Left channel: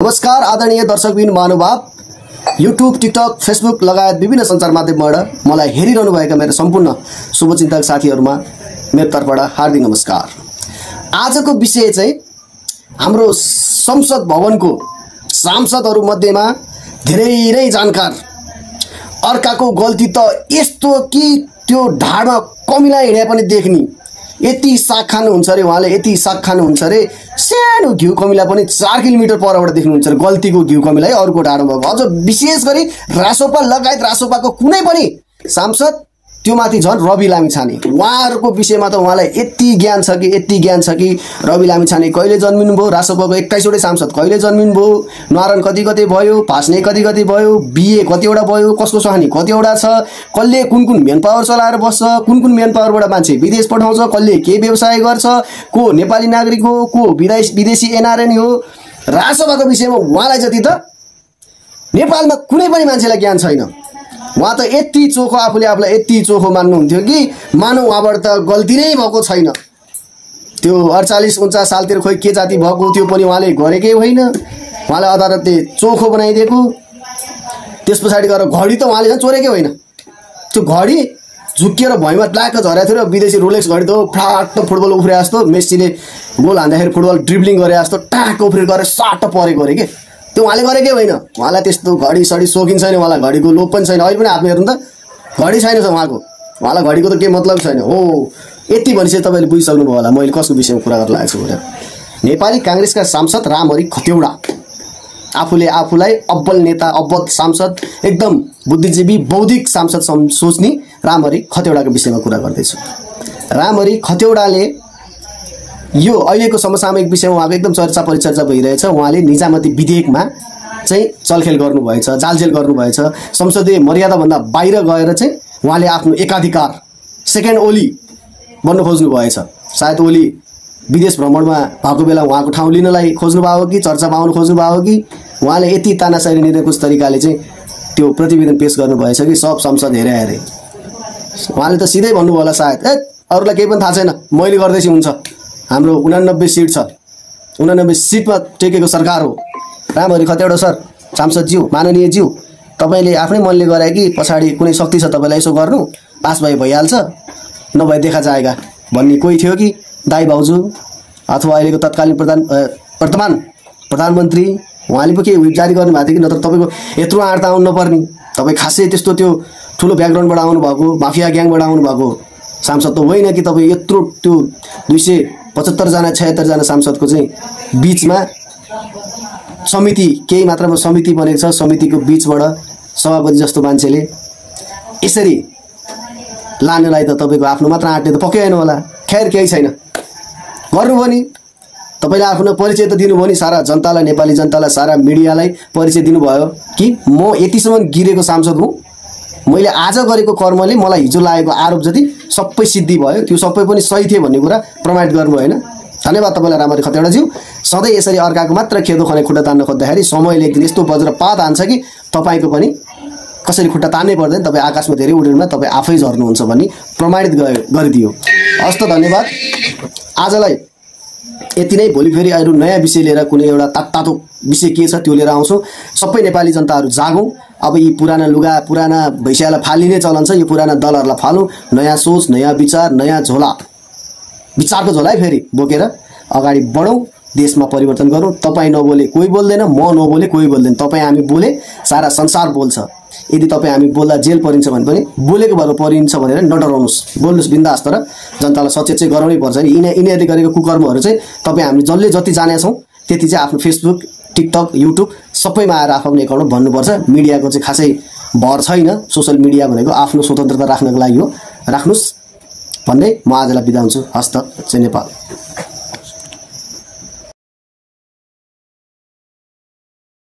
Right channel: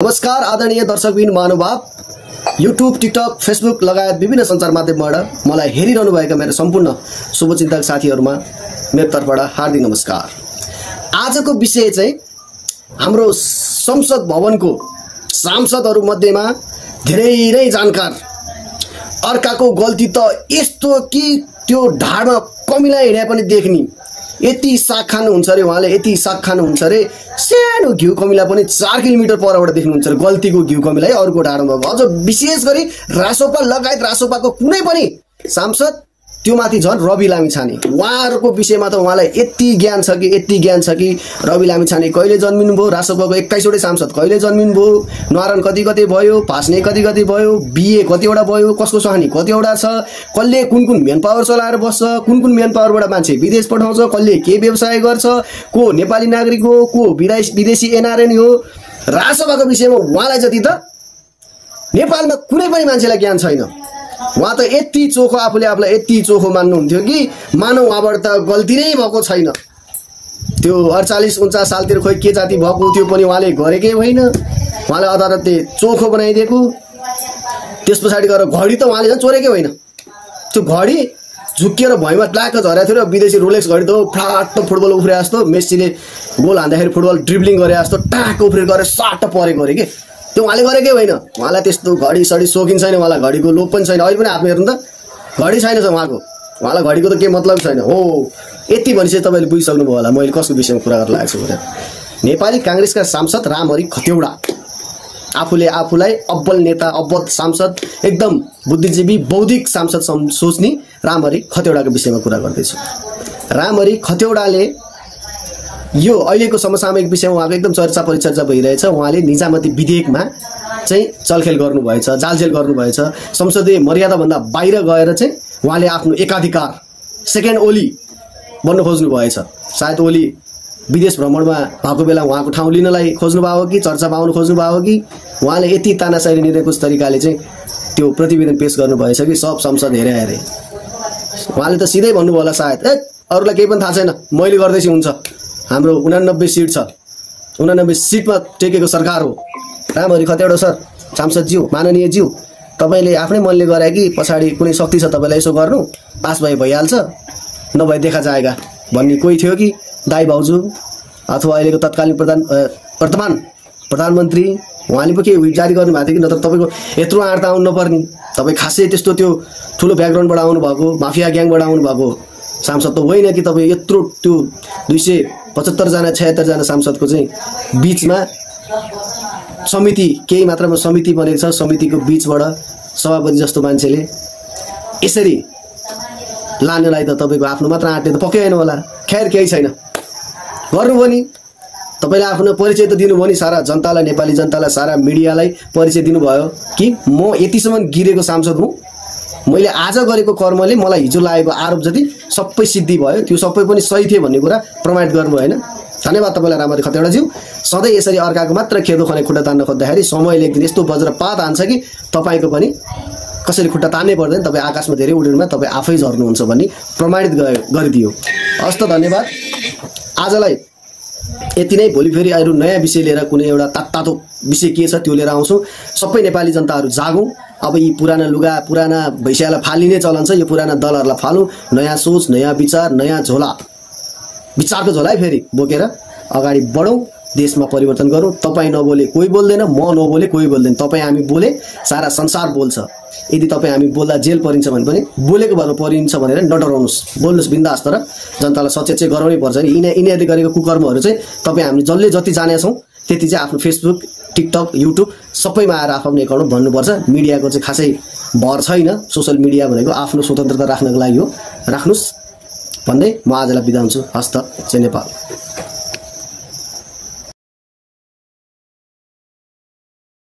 नमस्कार आदरणीय दर्शकबिन महानुभाव युट्युब टिकटक फेसबुक लगायत विभिन्न सञ्चार माध्यमबाट मलाई हेरिरहनु भएका मेरो सम्पूर्ण शुभचिन्तक साथीहरुमा मेरो तर्फबाट हार्दिक नमस्कार। आजको विषय चाहिँ हाम्रो संसद भवनको सांसदहरु मध्येमा धेरै जानकार अर्काको गल्ती त यस्तो कि त्यो ढाडमा कमिला हिँडे पनि देख्नी यति साग खानुहुन्छ रे उहाँले यति साग खानुहुन्छ रे सानो घिउ कमिला पनि 4 किलोमिटर परबाट देख्नुहुन्छ रे गल्तीको घिउ कमिला अरुको ढाडमा अझ विशेष गरी रासोपा लगायत रासोपाको कुनै पनि सांसद त्यो माथि झन् रवि लामिछाने उहाँहरुको विषयमा त उहाँलाई यति ज्ञान छ कि रवि लामिछाने कहिले जन्मिनु भयो रासोपाको 21 वटा सांसद कहिले जन्मिनु भयो नारायण कति भयो फास्ने कति भयो बीए कतिवटा भयो कसको सहानी कतिवटा छ कसले कुन मेन पावर चलाएर बस्छ कुन मेन पावरबाट मान्छे विदेश पठाउँछ कसले के व्यवसाय गर्छ को नेपाली नागरिक हो को विदेशी एनआरएन हो रासोपाको विषयमा उहाँलाई जति त नेपालमा कुनै पनि मान्छेलाई ज्ञान छैन। उहाँ त यति चोखो आफूलाई यति चोखो मान्नुहुन्थ्यो कि मानव उहाँबाट त गल्ती नै भएको छैन। त्यो 48-49 सालतिर खोइ के जाति भएको थियो पनि उहाँले गरेकै होइन, उहाँलाई अदालतले चोखो बनाइदिएको। त्यसपछि गएर घडी त उहाँले चाहिँ चोरेकै होइन, त्यो घडी झुकिएर भैमा ट्लाक झरेको थियो र विदेशी रोलेक्स घडी त फ्लाट फुटबल उफ्रे जस्तो मेस्सीले गोल हान्दाखेरि फुटबल ड्रिब्लिङ गरे जस्तो टाक उफ्रे गरेर साट परेको अरे के त्यो उहाँले गरेकै होइन। उहाँलाई त्यस्तो घडी सडी सोखिन्छ नि, उहाँलाई घडीको लोभ पनि छैन, अहिले पनि आफ्नो हेर्नु त घडी छैन उहाँलाई घडीको त के मतलब छैन हो। यति भनिसक्यो तपाईले बुझिसक्नुभयो होला मैले कसको विषयमा कुरा गर्न लागेको छु भने। नेपाली कांग्रेसका सांसद रामहरि खतेवडा आफूलाई अब्बल नेता अब्बल सांसद एकदम बुद्धिजीवी बौद्धिक सांसद सोच्ने रामहरि खतेवडाको विषयमा कुरा गर्दैछु। रामहरि खतेवडाले यो अहिलेको समसामयिक विषयमा उहाँको एकदम चर्चा परिचर्चा भइरहेछ। उहाँले निजामती विधेयकमा चाहिँ चलखेल गर्नुभएछ, जालझेल गर्नुभएछ, संसदीय मर्यादा भन्दा बाहिर गएर चाहिँ उहाँले आफ्नो एकाधिकार सेकेन्ड ओली बन्न खोज्नु भएछ। सायद ओली विदेश भ्रमणमा भएको बेला उहाँको ठाउँ लिनलाई खोज्नु भयो कि चर्चा पाउन खोज्नु भयो कि उहाँले यति तानाशाही निर्णयको तरिकाले चाहिँ त्यो प्रतिवेदन पेश गर्नुभएछ कि सब संसद हेरे उहाँले त सिधै भन्नुभयो होला सायद अरूलाई केही पनि थाहा छैन मैले गर्दैछु हुन्छ, हाम्रो 89 सिट छ, 89 सिटमा टेकेको सरकार हो। रामहरि खतेवडा सर सांसदज्यू माननीय ज्यू तपाईले आफ्नै मनले गरे कि पछाडी कुनै शक्ति छ तपाईलाई यसो गर्नु पास भइहाल्छ नभए देखा जाएगा भन्ने कोही थियो कि दाइ भाउजू अथवा अहिलेको तत्कालीन वर्तमान प्रधानमन्त्री उहाँले पो के विप जारी गर्नु भएको थियो कि नत्र तपाईको यत्रो आर्ता आउनु नपर्ने, तपाई खासै त्यस्तो त्यो ठुलो ब्याकग्राउन्डबाट आउनु भएको माफिया ग्याङबाट आउनु भएको सांसद त होइन कि तपाई यत्रो त्यो 275 जना 76 जना सांसदको चाहिँ बीचमा समिति केही मात्रामा समिति बनेको छ, समितिको बीचबाट सभापति जस्तो मान्छेले यसरी लानेलाई त तपाईको आफ्नो मात्र आँट्ने त पक्कै होइन होला। खैर केही छैन गर्नुभयो नि, तपाईले आफ्नो परिचय त दिनुभयो नि, सारा जनतालाई नेपाली जनतालाई सारा मिडियालाई परिचय दिनुभयो कि म यतिसम्म गिरेको सांसद हुँ, मैले आज गरेको कर्मले मलाई हिजो लागेको आरोप जति सबै सिद्धि भयो, त्यो सबै पनि सही थियो भन्ने कुरा प्रमाणित गर्नु होइन। धन्यवाद तपाईलाई रामहरि खतेवडाज्यू। सधैँ यसरी अर्काको मात्र खेदो खने खुट्टा तान्न खोज्दाखेरि समयले एक दिन यस्तो वज्रपात हान्छ कि तपाईको पनि कसरी खुट्टा तान्नै पर्दैन, तपाई आकाशमा धेरै उड्नुमा तपाई आफै झर्नुहुन्छ भन्ने प्रमाणित गरिदियो। हस्त धन्यवाद। आजलाई यति नै, भोलि फेरि अरु नयाँ विषय लिएर कुनै एउटा तातो विषय के छ त्यो लिएर आउँछु। सबै नेपाली जनताहरु जागौं। अब यी पुराना लुगा पुराना भैँसियालाई फालिने चलन छ, यो पुराना दलहरुलाई फालौं, नयाँ सोच नयाँ विचार नयाँ झोला विचारको झोला फेरि बोकेर अगाडि बढौं, देशमा परिवर्तन गरौं। तपाई नबोले कोही बोल्दैन, म नबोले कोही बोल्दैन, तपाई हामी बोले सारा संसार बोल्छ। यदि तपाई हामी बोल्दा जेल परिन्छ भने पनि बोलेको भएर परिन्छ भनेर नडराउनुस्, बोल्नुस् बिन्दास, तर जनतालाई सचेत चाहिँ गराउनै पर्छ नि। यिनीहरूले गरेको कुकर्महरू चाहिँ तपाई हामीले जसले जति जानेछौं त्यति चाहिँ आफ्नो फेसबुक टिकटक युट्युब सबैमा आएर आफ्नो एकाउन्ट भन्नुपर्छ। मिडियाको चाहिँ खासै भर छैन, सोशल मिडिया भनेको आफ्नो स्वतन्त्रता राख्नको लागि हो, राख्नुस् भन्दै म आजलाई बिदा हुन्छु। हस्त जय नेपाल।